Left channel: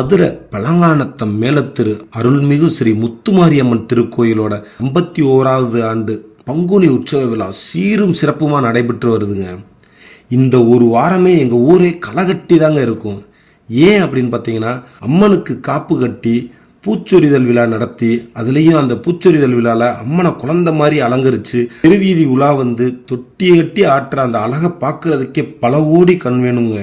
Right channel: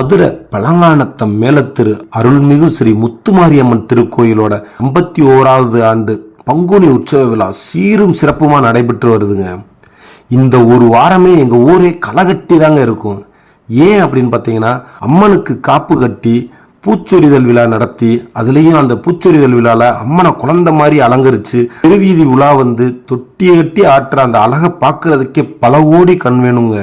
மதுரை பழங்கானத்தம் மேலத்திரு அருள்மிகு ஸ்ரீ முத்துமாரியம்மன் திருக்கோயிலோட ஐம்பத்தி ஓராவது ஆண்டு பங்குனி உற்சவ விழா சீரும் சிறப்புமா நடைபெற்று வருதுங்க. இந்த ஒரு வாரமே எங்க ஊரே களைகட்டி தாங்க இருக்கும். ஏன் அப்படின்னு பார்த்தீங்கன்னா அம்மனுக்கு காப்பு கட்டி பூச்சொரிதல் விழா நடத்தி அதுலேயும் அந்த பூச்சொரிதல் விழாவில் அம்மனை குழந்த மாதிரி அலங்கரித்து திருவீதி உலா வந்து தொட்டி கட்டி ஆட்டுற அந்த அழகை பார்க்கறதுக்கே பல ஓடி கண் வேணுங்க.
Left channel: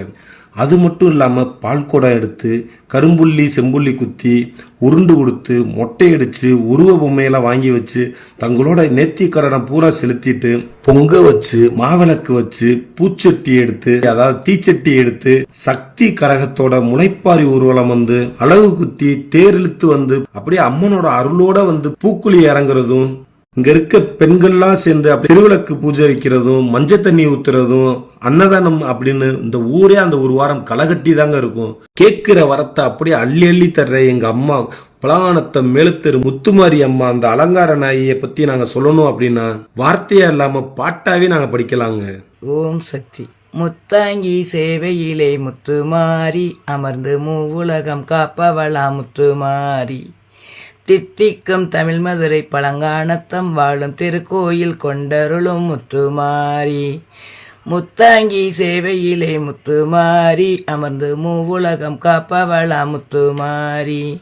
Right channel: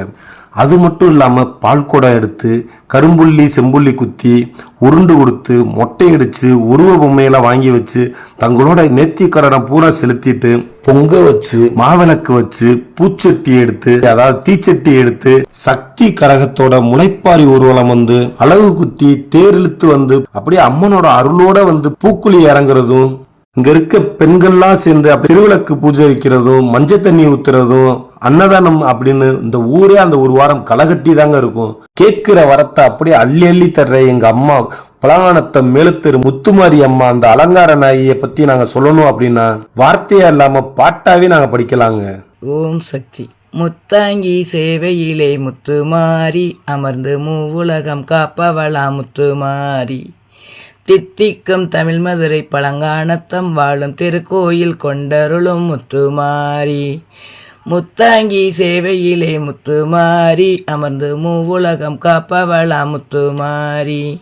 அது மட்டும் இல்லாமல் பால் குடம் எடுத்து கரும்புள்ளி செம்புள்ளி குத்தி உருண்டு கொடுத்து மொட்டை அடித்து உருவ பொம்மையெல்லாம் வாங்கி வச்சு தங்களோட நேர்த்தி பூரா செலுத்திட்டு பொங்க வச்சு மாவிளக்கு வச்சு பூச்சட்டி எடுத்து அதாவது தீச்சட்டி எடுத்து சக்தி கரகத்தோட முளைப்பாரி ஊர்வலம் வந்து அழகு குத்தி தேர் இழுத்து வந்து அப்படியே அம்மனோட அருளோட வந்து பூக்குழி இறங்குறதும் இங்க இருக்க பெண்கள்லாம் சேர்ந்து அப்படி திருவிளக்கு பூஜை வைக்கிறதும் மஞ்சள் தண்ணி ஊத்துறதும் அன்னதானம் அப்படின்னு இந்த ஊரே அந்த ஒரு வாரம் களைகட்டி தாங்க இருக்கும். கேட்கிற வரத்தை அப்படியே அள்ளி அள்ளி தர்ற எங்க அம்மா பலகானத்தை மேலுத்தெரு முத்துமாரி அம்மா அந்த அலங்கார நாயை பத்தி நாங்க சொல்லணும் அப்படின்னா வார்த்தையா இல்லாம பாட்டாவே நாங்க படிக்கலாங்க. ஓம் சக்தி. முத்தாங்கி சேவையிலே முத்துமாரி அமர்ந்து மூவுலகம் காப்பவளா முத்துமாரி. தித்திக்கும் தமிழ் மதுரை பழங்கானத்தம் வாழும் திருக்கோயில் கொண்டருளும் முத்துமாரி. முத்தாங்கி சேவையிலே முத்துமாரி அமர்ந்து மூவுலகம் காப்பவளா முத்துமாரி.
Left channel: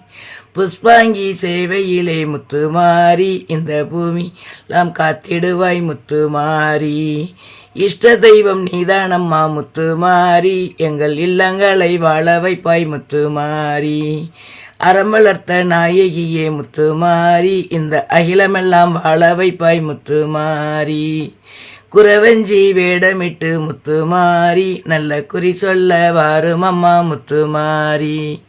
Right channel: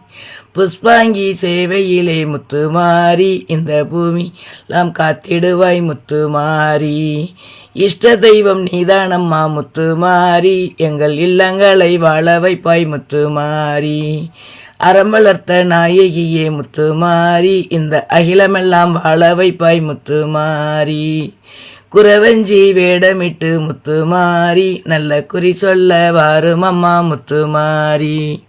புஷ்பாங்கி சேவையிலே முத்துமாரி இந்த பூமி நாம் காத்திடுவாய் முத்துமாரி. இஷ்ட தெய்வம் நீதானம்மா முத்துமாரி எங்கள் இல்லங்களை வாழ வைப்பாய் முத்துமாரி. அறமலர்த்த நாயகியே முத்துமாரி இந்த அகிலமெல்லாம் வாழ வைப்பாய் முத்துமாரி. குறவஞ்சி வேடமிட்டு முத்துமாரி நல்ல குறி சொல்ல வாரும் அம்மா முத்துமாரி.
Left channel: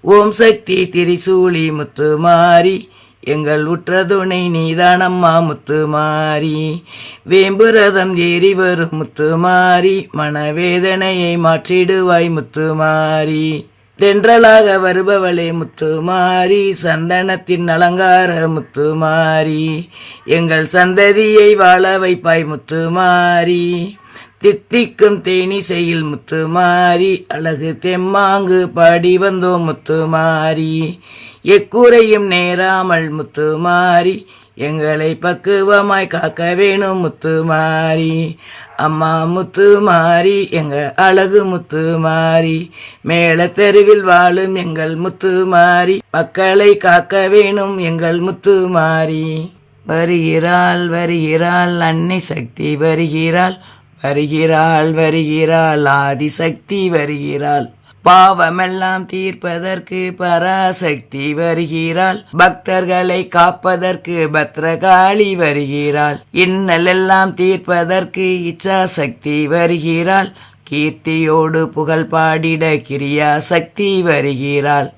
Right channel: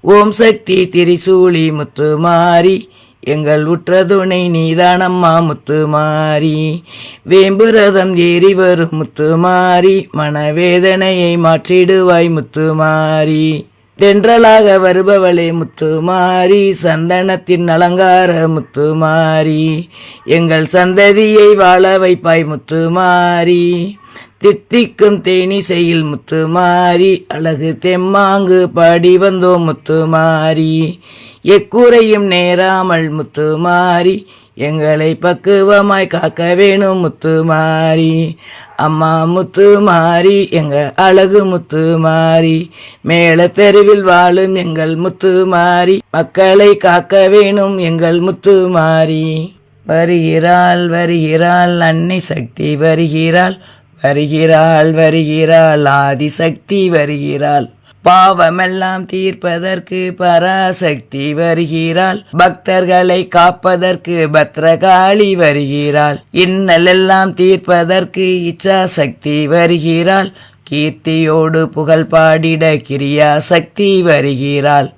ஓம் சக்தி திரிசூலி முத்துமாரி எங்கள் உற்ற துணை நீதானம்மா முத்துமாரி. வேம்புரதம் ஏறி வரும் முத்துமாரி மனவேதனையை மாற்றிடுவாய் முத்துமாரி. தென்றலாக வருபவளே முத்துமாரி சந்தனத்தின் அலங்கார முத்துமாரி. எங்கள் சந்ததியை வாழ வைப்பாய் முத்துமாரி. தித்திக்கும் தேனிசையில் முத்துமாரி அழகு தெம்மாங்கு பாடி வந்தோம் முத்துமாரி. எக்கூரையும் நேராமல் முத்துமாரி எங்களை பக்குவமாய் காக்க வேணும் முத்துமாரி. அம்மா முத்துமாரி எங்க அழகு முத்துமாரி. மேல தெருவில் வாழும் எங்கள் முத்துமாரி. மக்களை காக்க வேணும் எங்கள் முத்துமாரி. வருகிறாள் வருகிறாள் அன்னை சக்தி வருகிறாள். வருகிறாள் வருகிறாள் ஆதிசக்தி வருகிறாள். பாவமெல்லாம் தீர்ப்பதற்கு பராசக்தி வருகிறாள். பக்தர்களை காப்பதற்கு பத்ரகாளி வருகிறாள். இன்னலெல்லாம் தீர்ப்பதற்கு இச்சா சக்தி வருகிறாள். கீர்த்தியோடு புகழ் பாடிட கிரியா சக்தி வருகிறாள்.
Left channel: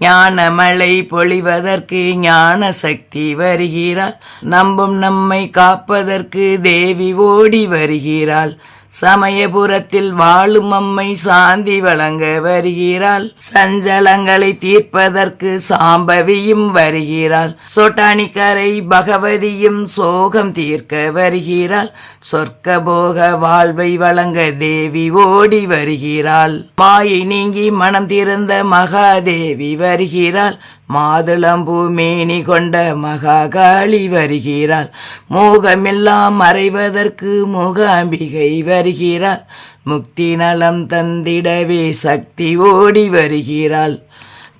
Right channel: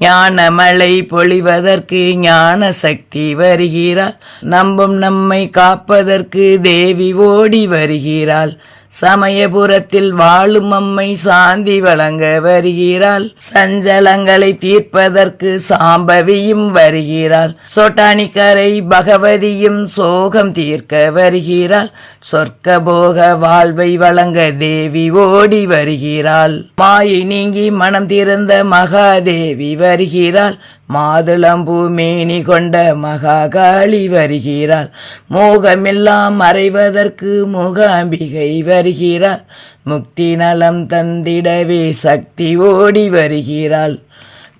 ஞானமழை பொழிவதற்கு ஞான சக்தி வருகிறாள். நம்பும் நம்மை காப்பதற்கு தேவி ஓடி வருகிறாள். சமயபுரத்தில் வாழும் அம்மை சாந்தி வழங்க வருகிறாள். சஞ்சலங்களை தீர்ப்பதற்கு சாம்பவியும் வருகிறாள். சொட்டானிக்கரை பகவதியும் சோகம் தீர்க்க வருகிறாள். சொர்க்க போக வாழ்வை வழங்க தேவி ஓடி வருகிறாள். மாயை நீங்கி மனம் திறந்த மகாதேவி வருகிறாள். மாதுளம்பூ மேனி கொண்ட மகாகாளி வருகிறாள். மோகமெல்லாம் மறைவதற்கு முகாம்பிகை வருகிறாள். முக்தி நலம் தந்திடவே சக்தி ஓடி வருகிறாள்.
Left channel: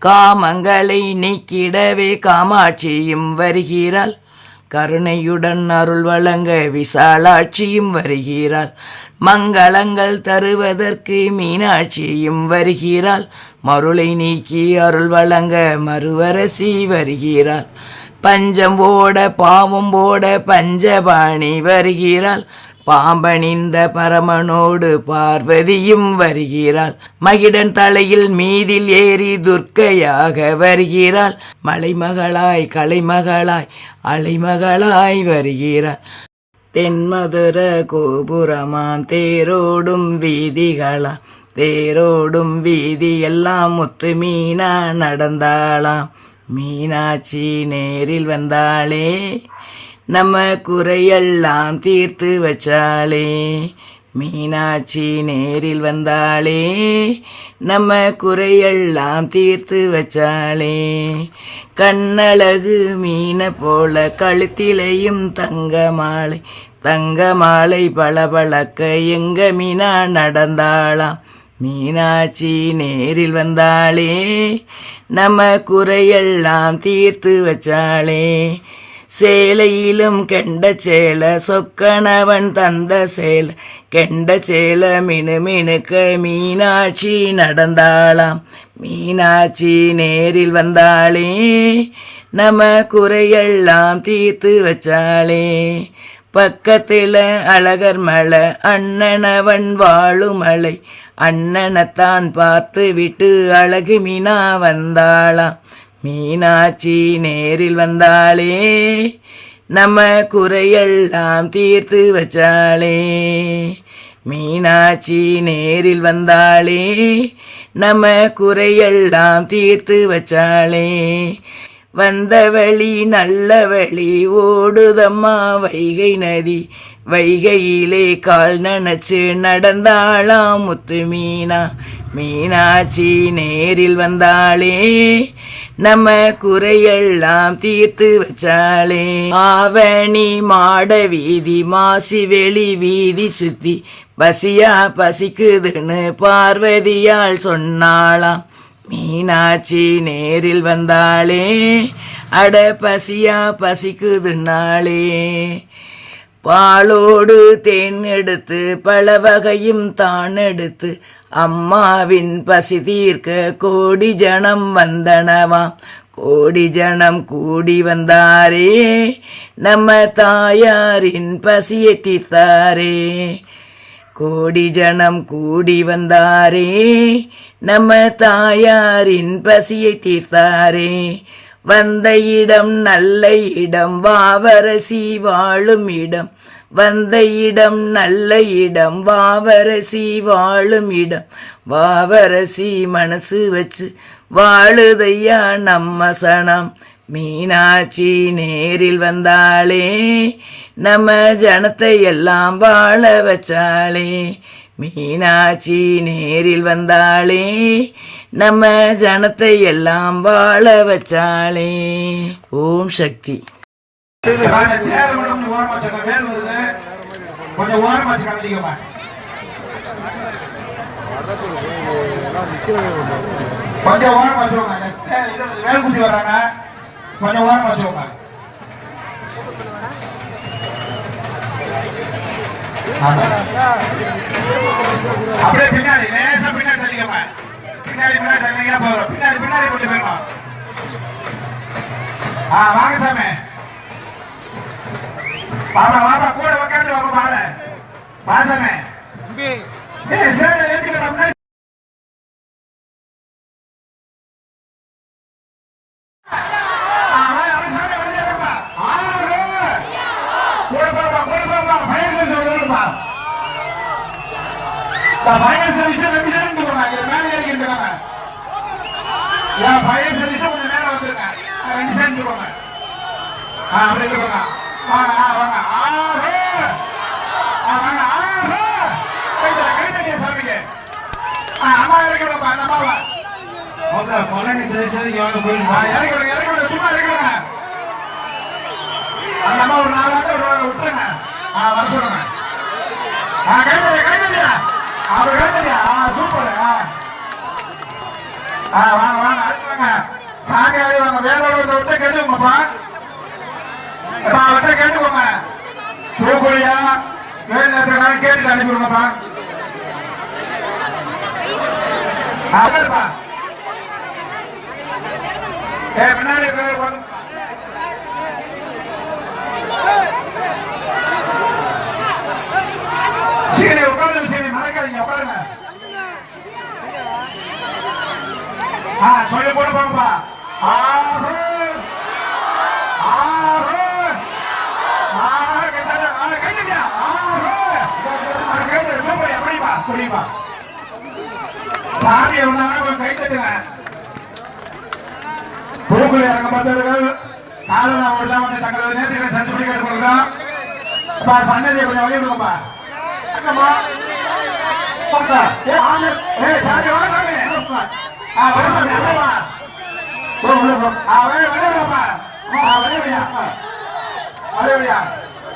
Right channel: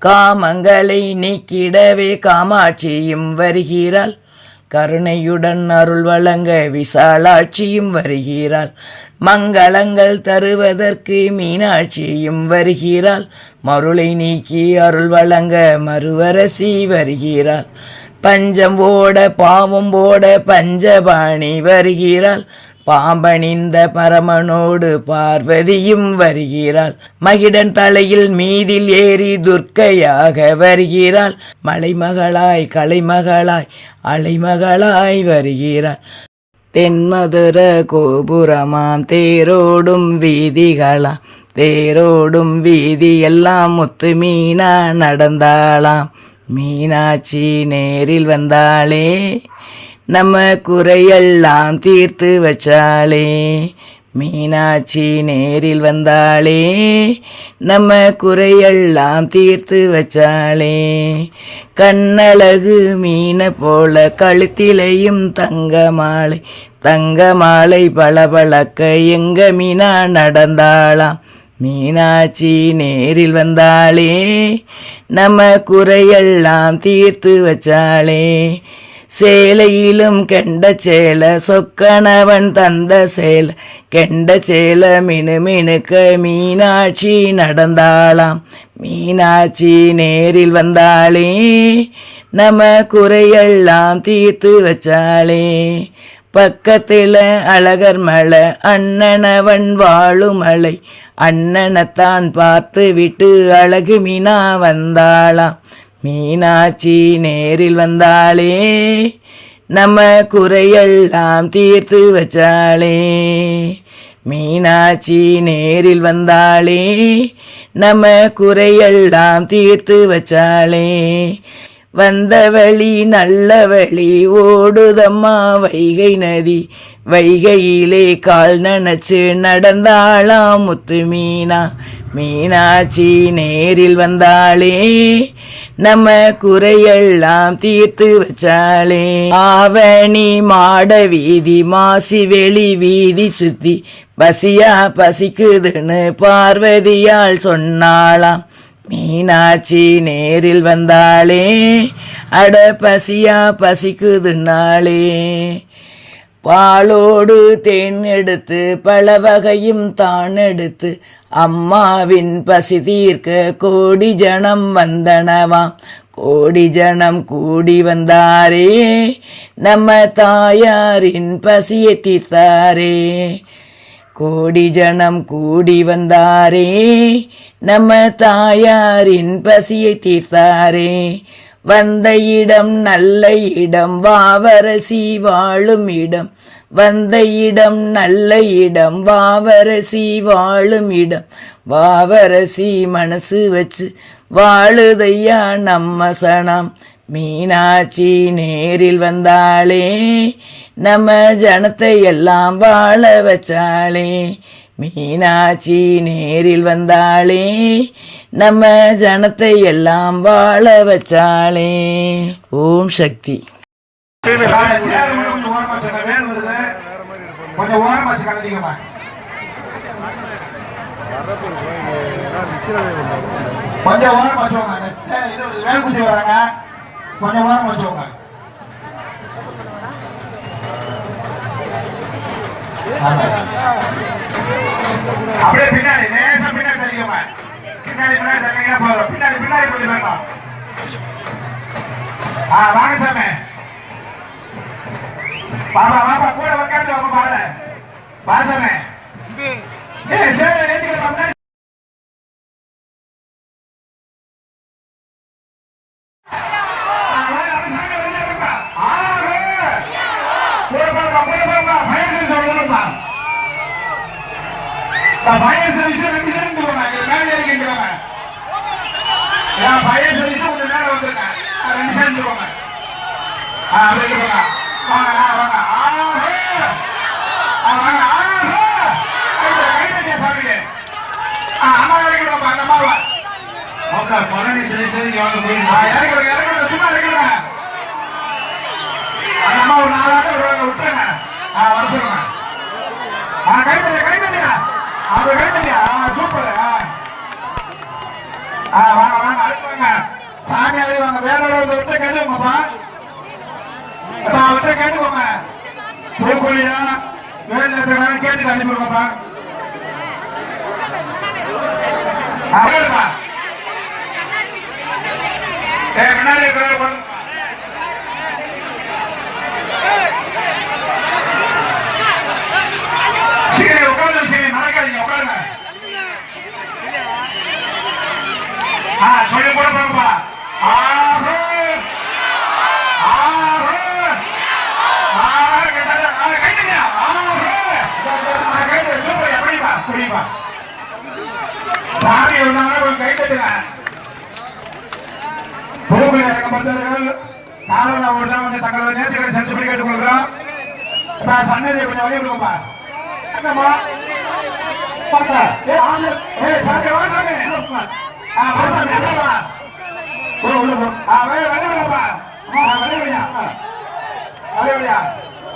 காமங்களை நீக்கிடவே காமாட்சியும் வருகிறாள். கருணையுடன் அருள் வழங்க விசாலாட்சியும் வருகிறாள். மங்களங்கள் தருவதற்கு மீனாட்சியும் வருகிறாள். மருளை நீக்கி அருள் வழங்க மறுவரசி வருகிறாள். பஞ்சம் ஓட பாவம் ஓட பஞ்சபாணி வருகிறாள். பாம்பணிந்த பரமனோடு பார்வதியும் வருகிறாள். மகிடன் தலையில் மீதில் ஏறி துர்க்கையாக வருகிறாள். மலைமகளாய் கலைமகளாய் அலைமகளாய் வருகிறாள். தென்மதுர கோபுரமாம் தேரோடும் வீதிகளாம். தேரோடும் வீதி எல்லாம் முத்து மீனா நடந்தாளாம். மீனாட்சி நேரில் வந்தாளே நம்ம குறையெல்லாம் தீர்த்து வச்சாளே. மீனாட்சி நேரில் வந்தாளே நம்ம குறையெல்லாம் தீர்த்து வச்சாளே. கண்ணழகு மீனை போல கழுத்திலையும் தங்க மாலை தங்க மாலை பளபளக்க எங்க மீனா நடந்தாளாம் மீனாட்சி நேரில் வந்தாளே நம்ம குறையெல்லாம் தீர்த்து வச்சாளே. சேலையிலும் கெண்ட சேல சொக்கணவன் தந்த சேல. கெண்ட சேல மினு மினுக்க மீனாட்சி நடந்தாளாம். மீனாட்சி நேரில் வந்தாளே நம்ம குறையெல்லாம் தீர்த்து வச்சாளே. பக்கத்தில் அழகர் மலை அண்ணனவன் வாழும் மலை. அண்ணனைத்தான் பார்த்து விட்டு அழகு மீனா வந்தாளாம். மீனாட்சி நேரில் வந்தாலே நம்ம குறையெல்லாம் தீர்த்து வச்சாளே. மீனாட்சி நேரில் வந்தாளே நம்ம குறையெல்லாம் தீர்த்து வச்சாளே. வந்த வழி நல்ல வழி ஓடுதம்மா வைகை நதி வைகையிலே கால் நனைச்சு நடந்தாளாம் முத்து மீனா. மீனாட்சி நேரில் வந்தாளே நம்ம குறையெல்லாம் தீர்த்து வச்சாலே. ஆவணி மாட வீதி மாசி வெளி வீதி சுத்தி பசியா பசிக்குதுன்னு பார்வதியால் சொன்னாளாம். மீனாட்சி நேரில் வந்தாளே அட பசியா பசிக்குதுன்னாலே பாலோடு தேன் எடுத்து பல வகையும் தான் எடுத்து அம்மாவின் பசி தீர்க்க கோடி ஜனம் வந்தனவாம் கோடி ஜனம் கூடி வந்தாரே நம்ம தாயாரின் பசியை தீர்த்தாரே கோடி ஜனம் கூடி வந்தாரே நம்ம தாயாரின் பசியை தீர்த்தாரே வந்த இடம் நல்ல இடம் வாவரசி வாழும் இடம். வந்த இடம் நல்ல இடம் வாவரசி வாழும் இடம். வாவரசி மனசு வச்சு வாழுதையா நம்ம சனம். மீனாட்சி நேரில் வந்தாளே நம்ம ஜனத்தை எல்லாம் வாழ வச்சாளே. மீனாட்சி நேரில் வந்தாளே நம்ம ஜனத்தை எல்லாம் வாழ வச்சாளே. ஓம் சக்தி. கொஞ்சம் ஓரமா வச்சு கலந்திக்கமா கொஞ்சம் ஓரம் வச்சுக்கோங்க வேலுக்குட்டி வராங்க கொஞ்சம் ஓரம் வச்சுக்கோங்க அப்படியே பின்னாடி லேசா பின்னாடி தள்ளிக்கோங்க பின்னாடி பின்னாடி தள்ளிங்கன்னா போதும். பின்னாடி பின்னாடி கொஞ்சம் வேணும் ஆ வாங்க சாமி. பாப்பா பாப்பா கூட உக்காந்து வாங்க பாட வாசமே ஏய் சேலை ஏத்திக்கிட்ட முன்னாடி ஆ, வாங்க, அப்படியே சாமி வெளியே வாப்பா. ஆ, ஏய். கூட போப்பா, கூட போப்பா. fire service வரணும்ப்பா. பா, fire service ரெண்டு side இருந்து போங்க. இங்க மேலே ஏறி நின்னுக்கோங்க. ஏன் fire service கொஞ்சம் மேல வந்துருங்க. ஆ, ரெண்டு side இருந்து போங்க. ஆ, அப்படியே இங்க போங்க. வாங்க, ஆ, வாங்க. ஆ, ஏய். ஆ, வாங்க. ஆ, ஏய். கை தட்டு, கை தட்டியா சாமிக்கு. ஆ, அம்மா இறக்கி விடுப்பா, அந்த அம்மாவை. ஆ, இறக்கி விடுங்க, இறக்கி சும்மா இறக்கி அந்த அம்மா ஒரு நாலு ஒரு விட்டுருங்க. ஆ, வர சொல்லுங்க. ஆ, கை அப்படி ஆ, சூப்பர். ஆ. ஆ, வாங்க, வாங்க, வாங்க. வாங்க வேற ஒரு விட்டு கட்டுங்கப்பா விட்டு கேட்டுக்கோங்க பூக்கோழியா வேலை கேட்டு அனுப்பிடுங்கப்பா அகர்ப்பா ஏ முன்னாடி இருக்கிற ஒன் மறக்காதீங்க உட்காருங்க ஆ சொல்லி கூட போங்கப்பா ஆஹோ ஆஹோ ஆஹ் கேட்டாரு ஆஹ் கைத்தட்டியா ஆஹோ கைத்தட்டு எப்படிப்பா புரியுப்பா சாமி இருந்தாங்க கொஞ்சம் இறங்க பக்தர்கள் காலதா ஓடுதான் வந்து தங்களது நேர்த்திகளை செலுத்தி கேட்டுக்கொள்கிறோம் அப்பா சன்னதியை கொஞ்சம் வழி விடுங்கப்பா இறங்கம்மா பார்த்தா ஏ ஆளு ஏ சாமி வா சாமி ஆ வா சாமி அப்படியே வா போ உள்ள போ ஆ வே வெளிய விடப்பா ஆ வெளிய விடியா வெளிய விடியா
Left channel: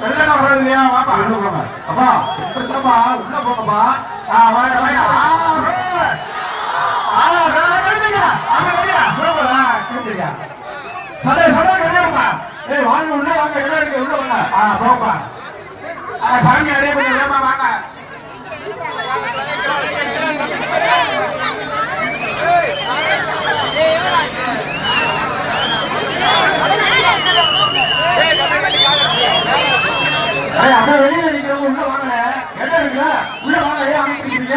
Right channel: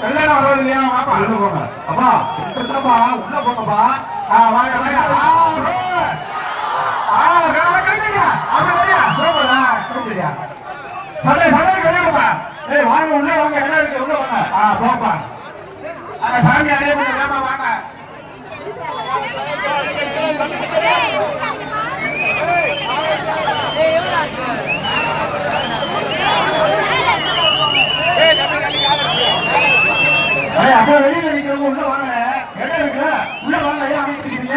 வெள்ளை நான் வர்றது இல்லையா வாப்பா உள்ள போங்க அப்பா இப்படித்தாப்பா உள்ள போங்கப்பா ஆ ஆ ஆ கழுத்துங்க சண்டை சண்டை கிடையாதுப்பா ஏய் வாங்க உள்ள வாங்க இடம் இருக்கு உள்ள வாங்க. ஆ போப்பா. ஆ சாமி அடைய கொஞ்சம் ஏமா வாங்க. அடே அப்படியே வெளியில நிக்கிறவங்க உள்ள வாங்கல. இடம் இருக்குல்ல? உள்ள வாங்க ஏன் அமைக்கிறீங்க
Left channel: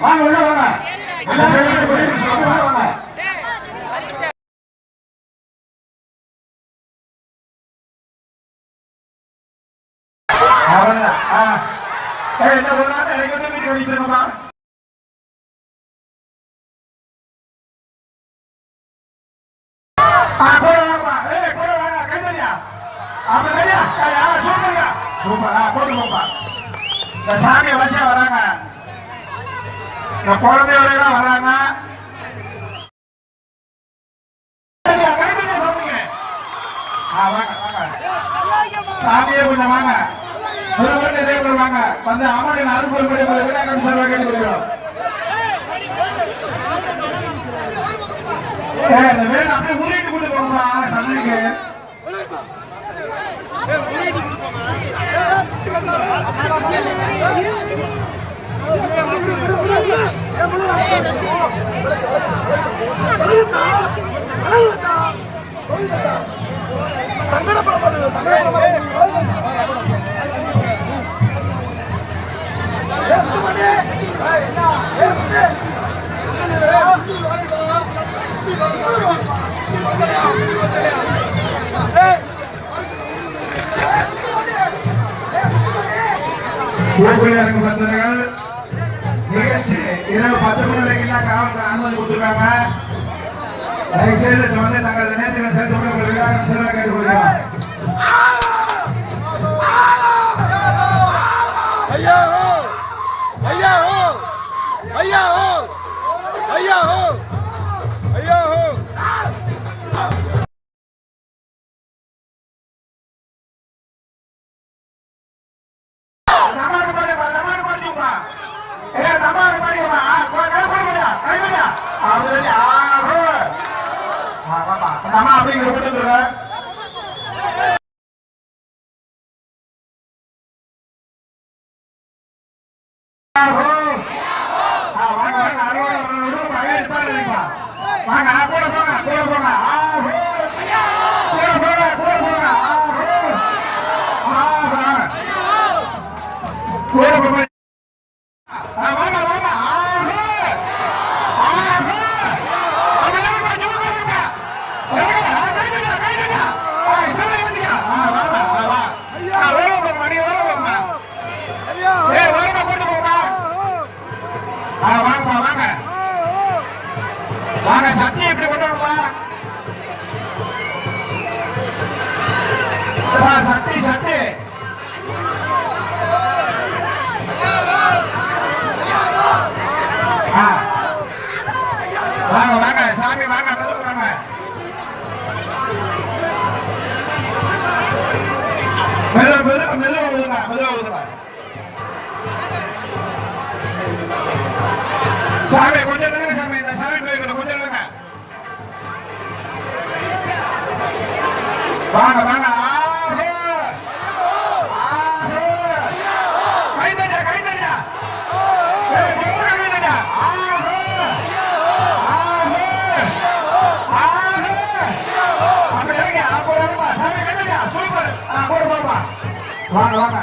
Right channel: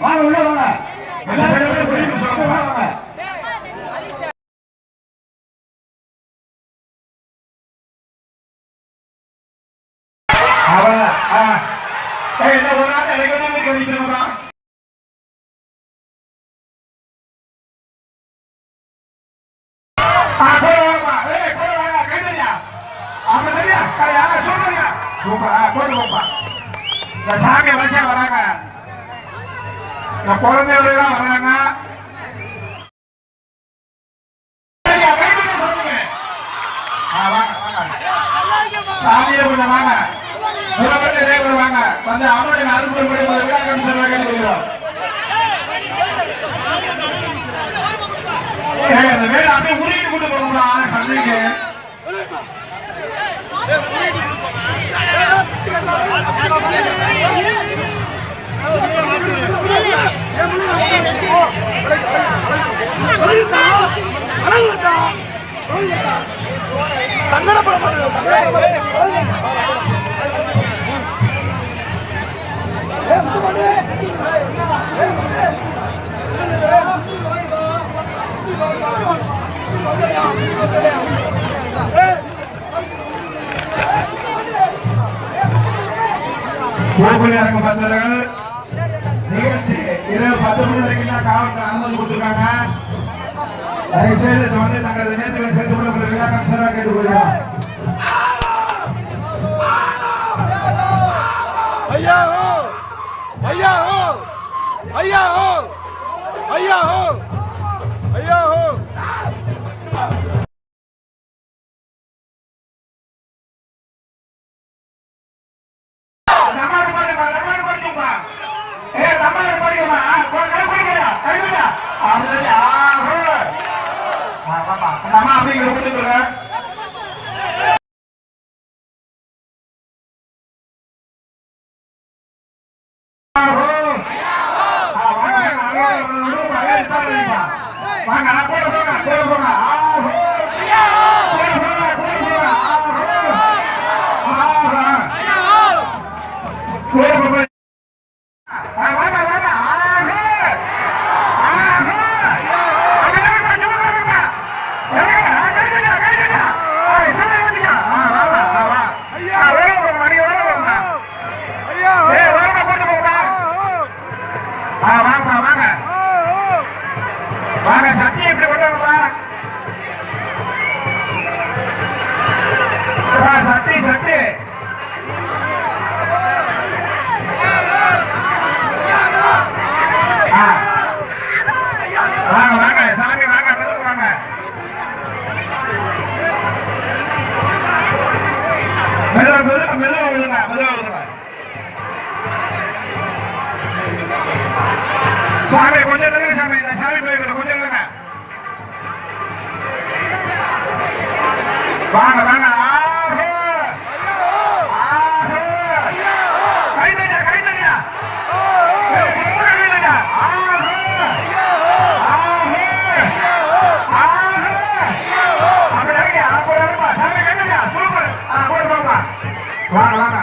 வாங்க உள்ள வாங்க. எல்லா உள்ள வாங்க. சூப்பரா ஆ, போட்டு போப்பா. இந்த சாமி வச்சா வராங்க. இந்த குழந்தையோட எல்லாம் வராங்க சாமியை கொஞ்சம் வாங்க. ஒரு இதே வாங்க. வந்து அம்மனுக்கு அறுபது மணி சொல்ல இந்த வேலை அப்படியே உருவிட்டு கொண்டு போகணும்டா, சண்டைக்கு. கோகுல இறங்க பக்தர்கள் நிகழ்ச்சி இரவு பத்து மணி வரைக்கும் தான் காவல்துறை அனுமதி கொடுத்திருக்காங்க தயவுசெய்து இப்ப வந்து தங்களது நேரத்தில் சேர்த்து கொண்டு கேட்டுக்கொள்கிறோம் ஐயா ஐயா ஐயா ஐயா ஐயா தட்டியா அப்படி நம்ம அப்படிங்கிற கொடுத்துருக்க வாங்க கூட போங்க கூட போங்க ஆஹோ கூட போங்க கூட போங்க ஆஹோ ஆஹா கூட போங்க ஆ, வாங்க வாங்க ஆஹோ ஆஹோ அப்படி இறங்குப்பா, ஜூஸ் இறங்குப்பா. இறங்குங்க, ஆ, கை தட்டுங்க, கை தட்டுங்க. ஆ, இசையில ஏத்துங்க. ஆ, வாப்பா, ஆ, வா. ஆ, ஓரம் போங்கம்மா, நீ ஓரம் போங்கம்மா. ஏய், ஓரமா கொண்டு போங்கம்மா. ஆ, வாங்க வாங்க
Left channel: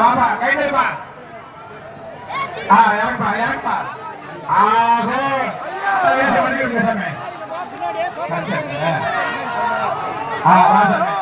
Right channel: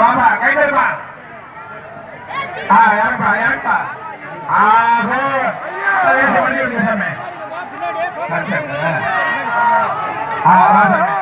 வாப்பா. கை தட்டுப்பா ஆ இறங்குப்பா இறங்குப்பா. ஆஹோ. பண்ணி விடுங்க சாமி. ஆ வா சாமி.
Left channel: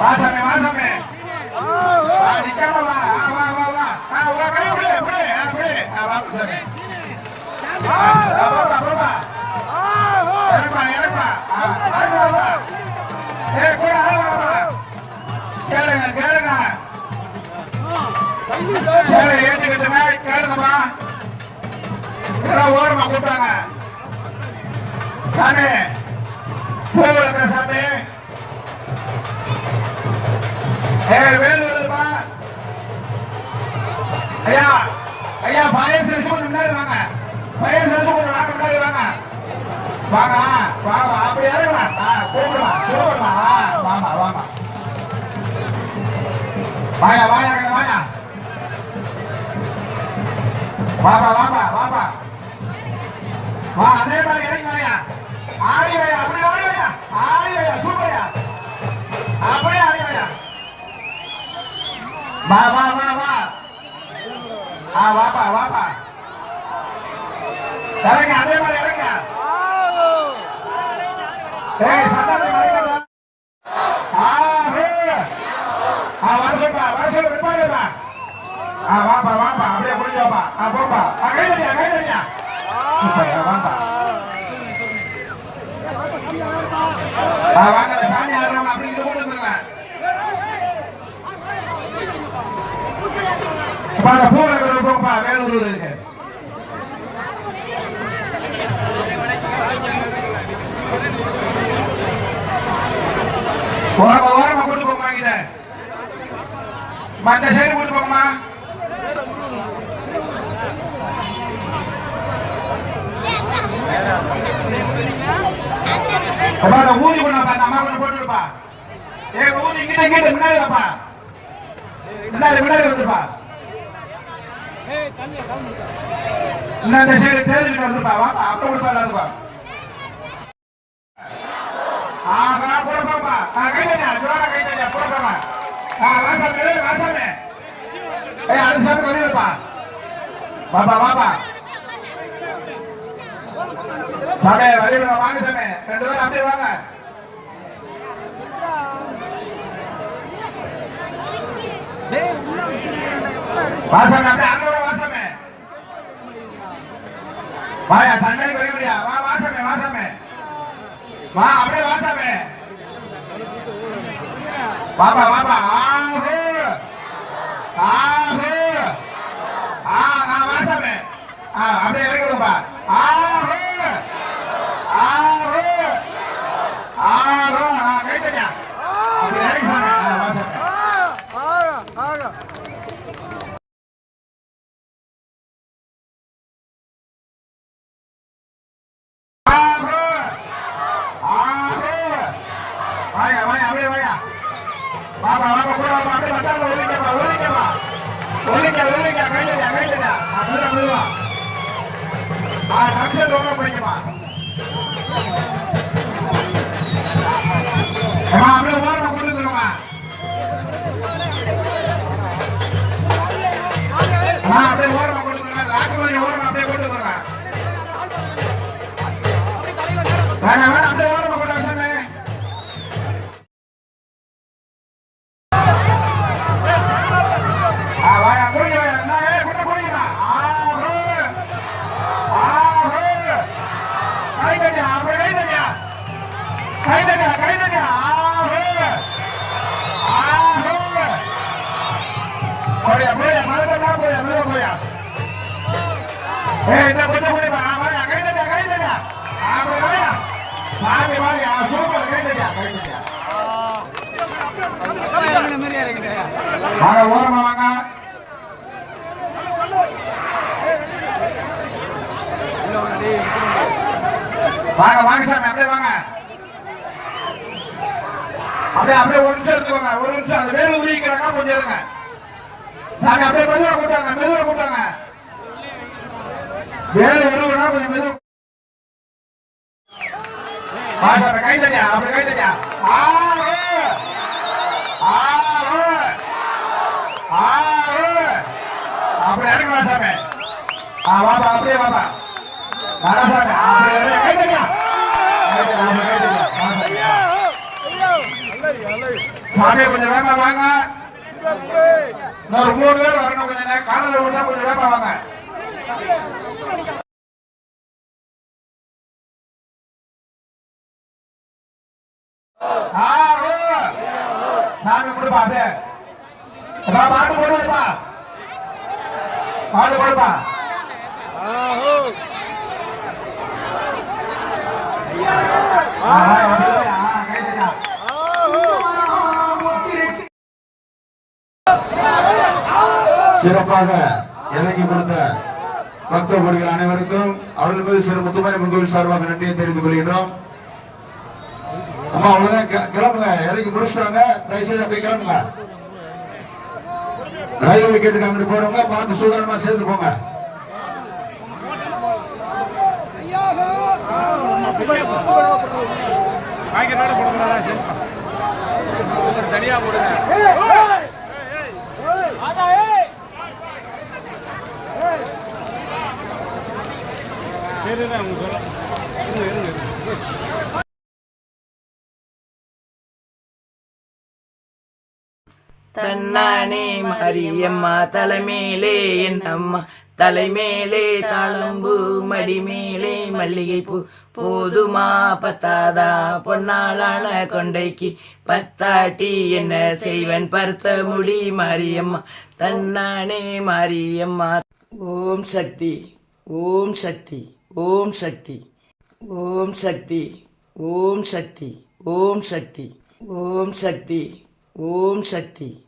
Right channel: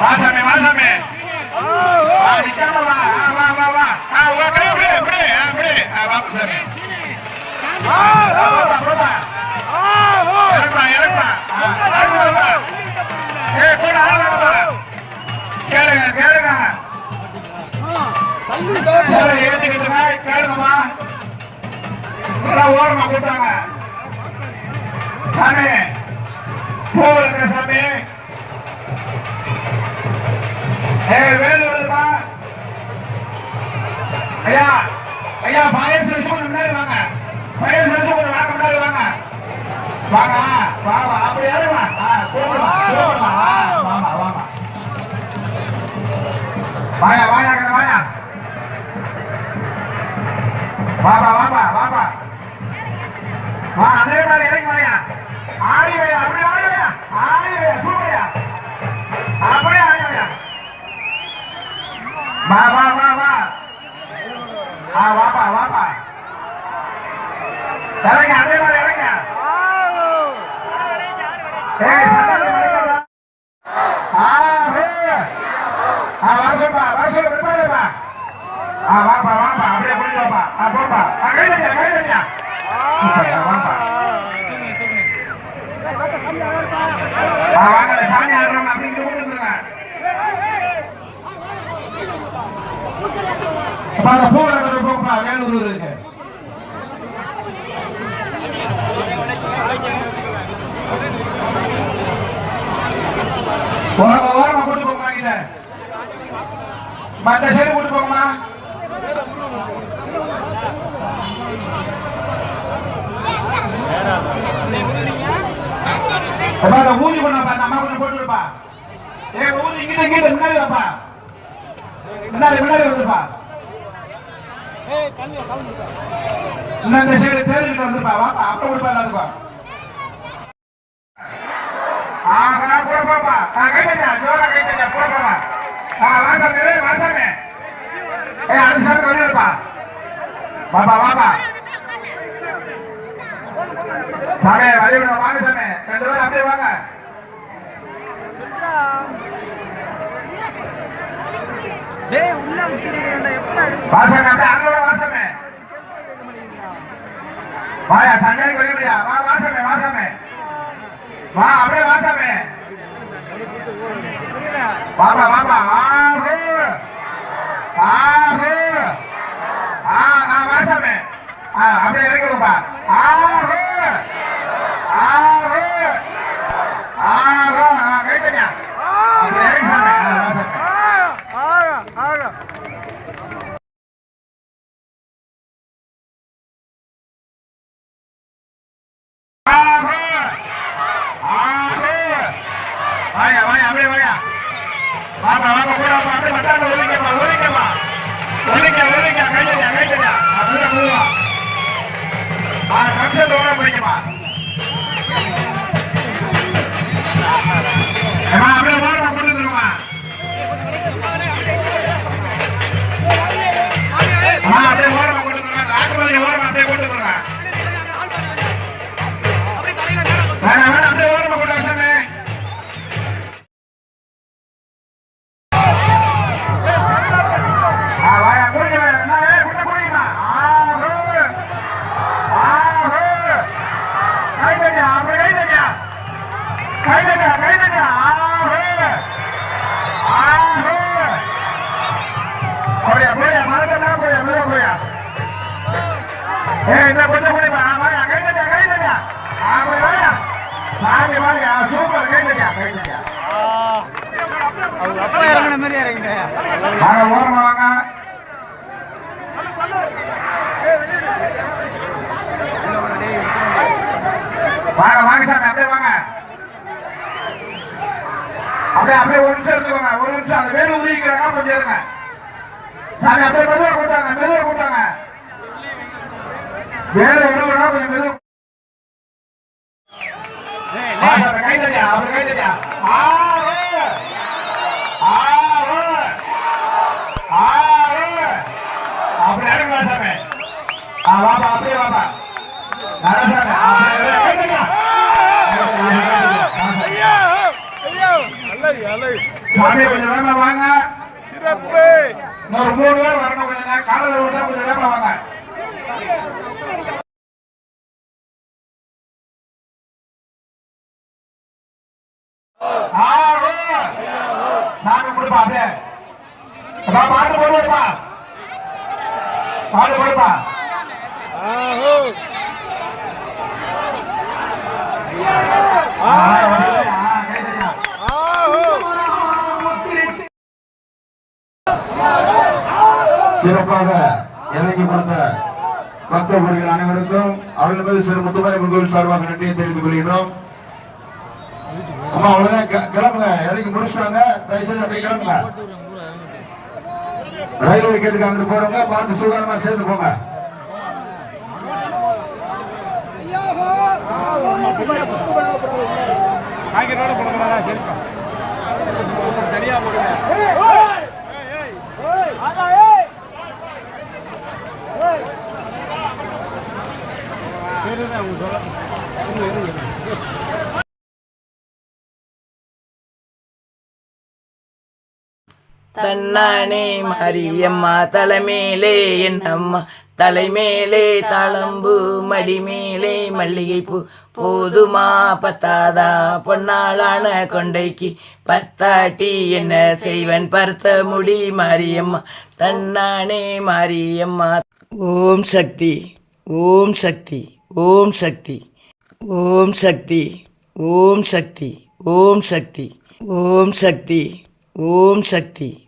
வா சாமி, வா சாமி. வா, நிக்காம வா. வா, வா, வா. ஆ, வா, கை பிடி, பிடி, ஆ, பிடி. ஆ, வா, சாமி. ஆ, ஆ, போப்பா, போப்பா. இறங்குப்பா, இறங்குப்பா. ஆ, இறங்கு, இறங்குப்பா. ஏய், கூட இறங்குப்பா. கேளுங்க, கேளுங்க. சரி, ஏத்துக்கிட்டுங்க கேளுங்கப்பா. எல்லாம் ஓரமா கூப்பிட்டாங்க. சாமி பூவில் இருக்கிற சாமி ஐயா ஐயா ஃபயர் சர்வீஸ் கொஞ்சம் முன்னாடி வாங்க. ஃபயர் சர்வீஸ் கொஞ்சம் வாங்க முன்னாடி வாங்க. வாங்க வா வா அப்படி இறங்குமா? ஆ கூப்பிடுமா கூப்பிடுமா வாமா வாமா வாயா வாயா கண்ணு வாயா. வா வாப்பா வாப்பா வாப்பா அப்படியே புரிஞ்சு வாப்பா. ஆ போப்பா. ஆ கை தட்டியா கை தட்டியா சூப்பர்யா வாப்பா. ஆ வாங்க அந்த சாமி ஆடுறவங்க அப்படி இங்க கொண்டு வந்துருங்க. அப்பா அந்த பூ இருக்கிற போப்பா. வேலூர் இருக்கு. ஓரமா ஓரமா கூட்டு போங்கம்மா கிட்ட அந்த சைடு கூட்டு போங்கம்மா. அப்பா அந்த ஊதி கொண்டு அந்த அம்மா கொண்டு போட்டு விடுப்பா. ஊதி இங்கிட்ட இங்கிட்ட முன்னாடி வாப்பா. முன்னாடி முன்னாடி இன்னும் இந்த சைடு வாப்பா கொடுப்பா ஜோரா கைதட்டா போப்பா ஆ வாசமே ஏய் அடுத்த சாமி வந்துடுப்பா வாப்பா வாப்பா சாமி வழி விடுங்க வாங்க சாமி ரெண்டு பேரும் அப்படியே வாங்க வாசாமி அப்படியே அங்க விட வாசாமி வாயா சண்டைக்கு வழி விடுயா வா வாசாமி வாசாமி வா அப்படியே வாசாமி வாப்பா வாப்பா ஆஹு ஆஹோ. ஆ ஆ வாசாமி. அப்படியே இறக்கி விடுப்பா. ஆஹு. அப்படியே அப்படியே ஒரு நிமிஷம் இருக்குவாங்க ஒரு நிமிஷம் அந்த வேலை உரிக்கிறாங்க கொஞ்சம் இருங்க. சாமி அப்படியே மெதுவாக கூட்டாங்க மெதுவாக கூட்டாங்க வேலை உருவனா கொஞ்சம் மெதுவாக வா சாமி கை தட்டியா? அப்படி கை தட்டியா? ஆ ஓ. ஆ அப்படி இறங்கி சாமி. ஆ வாப்பா அப்படியே வாப்பா. நாராசாமி அப்படி அப்படி கை தட்டியா. வா சாமி, கொஞ்சம் வேகமா வாங்க. இன்னொரு மூணு பேர் வரணும் கொஞ்சம் காலையில் விட்டா கொஞ்சம் வேகமா வாங்க. சாமி கொடுப்பா அப்படியே. பாட்டு போடுப்பா பாட்டு போடுப்பா. ஆஹோ ஆஹோ அப்படியே, ஆ, கை தட்டியா. சிறப்பாக இறங்கி கொடுத்த பக்தர்கள் அனைவருக்கும் அவர்கள் மீது சிறு முத்துமாரி கோவில் சார்பாக நன்றியை தெரிவித்துக் கொள்கின்றோம். அம்மா அவ்வளவுதான் கிளம்புங்க. இறங்கி முடிச்சிட்டாங்க. தயவுசெய்து அப்படி கிளம்புங்க. ரயில்வே கேட்டுக்கு அங்கிட்டு போறவங்க பார்த்து சுகாரமா சேர்ந்து போங்க. தனியா போடுங்க. தன்னானே மாரியம்மா தலைமேலே என் அம்மா. தலைமேலே தாளம்பு மடிமேலே மல்லிகைப்பூ. போதுமா பத்தாதா பொன்னாளான கொண்டைக்கு. பத்தாட்டி என்ன செய்வன் பருத்த முடி மாரியம்மா. தன்னானே மாரியம்மா. ஓம் சக்தி ஓம் சக்தி ஓம் சக்தி. ஓம் சக்தி ஓம் சக்தி ஓம் சக்தி. ஓம் சக்தி ஓம் சக்தி.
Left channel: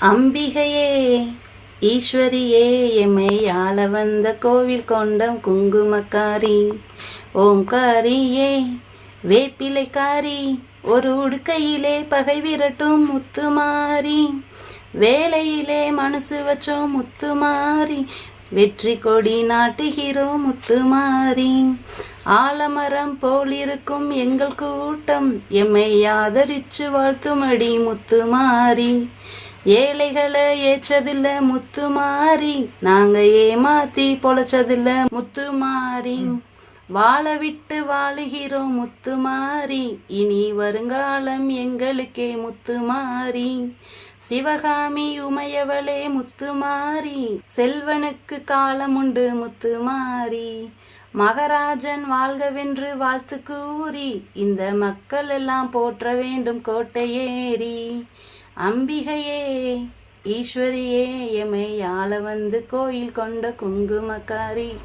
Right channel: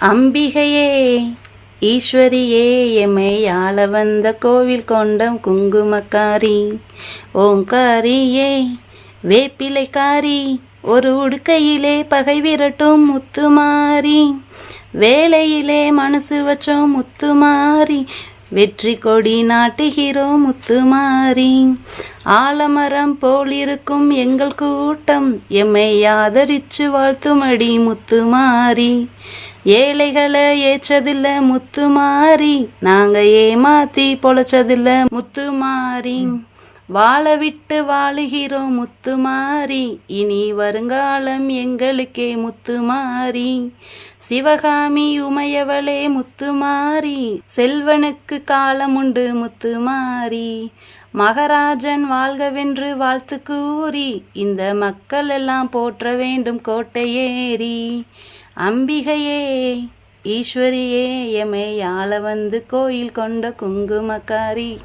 அம்பிகையே ஈஸ்வரியே எம்மை ஆள வந்த கோவில் கொண்டம் குங்குமக்காரி. ஓங்காரியே வேப்பிலைக்காரி ஒரு உடுக்கையிலே பகை விரட்டும் முத்துமாரி. வேலையிலே மனசு வச்சோம் முத்துமாரி வெற்றி கொடி நாட்டுகிறோம் முத்துமாரி. ஆலமரம் போலிருக்கும் எங்கள் கூட்டம் எம்மை ஆதரிச்சு வாழ்த்துமடி முத்துமாரி. ஏழைகளை ஏச்சதில்ல முத்துமாரி நாங்க ஏமாத்தி பொழைச்சதில்ல முத்துமாரி வாழ விட்டு வாழுகிறோம் முத்துமாரி இனி வருங்காலம் எங்களுக்கே முத்துமாரி சிவகாமி உமையவளே முத்துமாரி செல்வனுக்கு காலமுண்டு முத்துமாரி மகராஜன் வாழ்கவென்று வாழ்த்து கூறி இந்த மக்கள் எல்லாம் போற்ற வேண்டும் கோட்டையேறி அம்பிகையே ஈஸ்வரியே எமை ஆள வந்து கோயில் கொண்ட குங்குமக்காரி.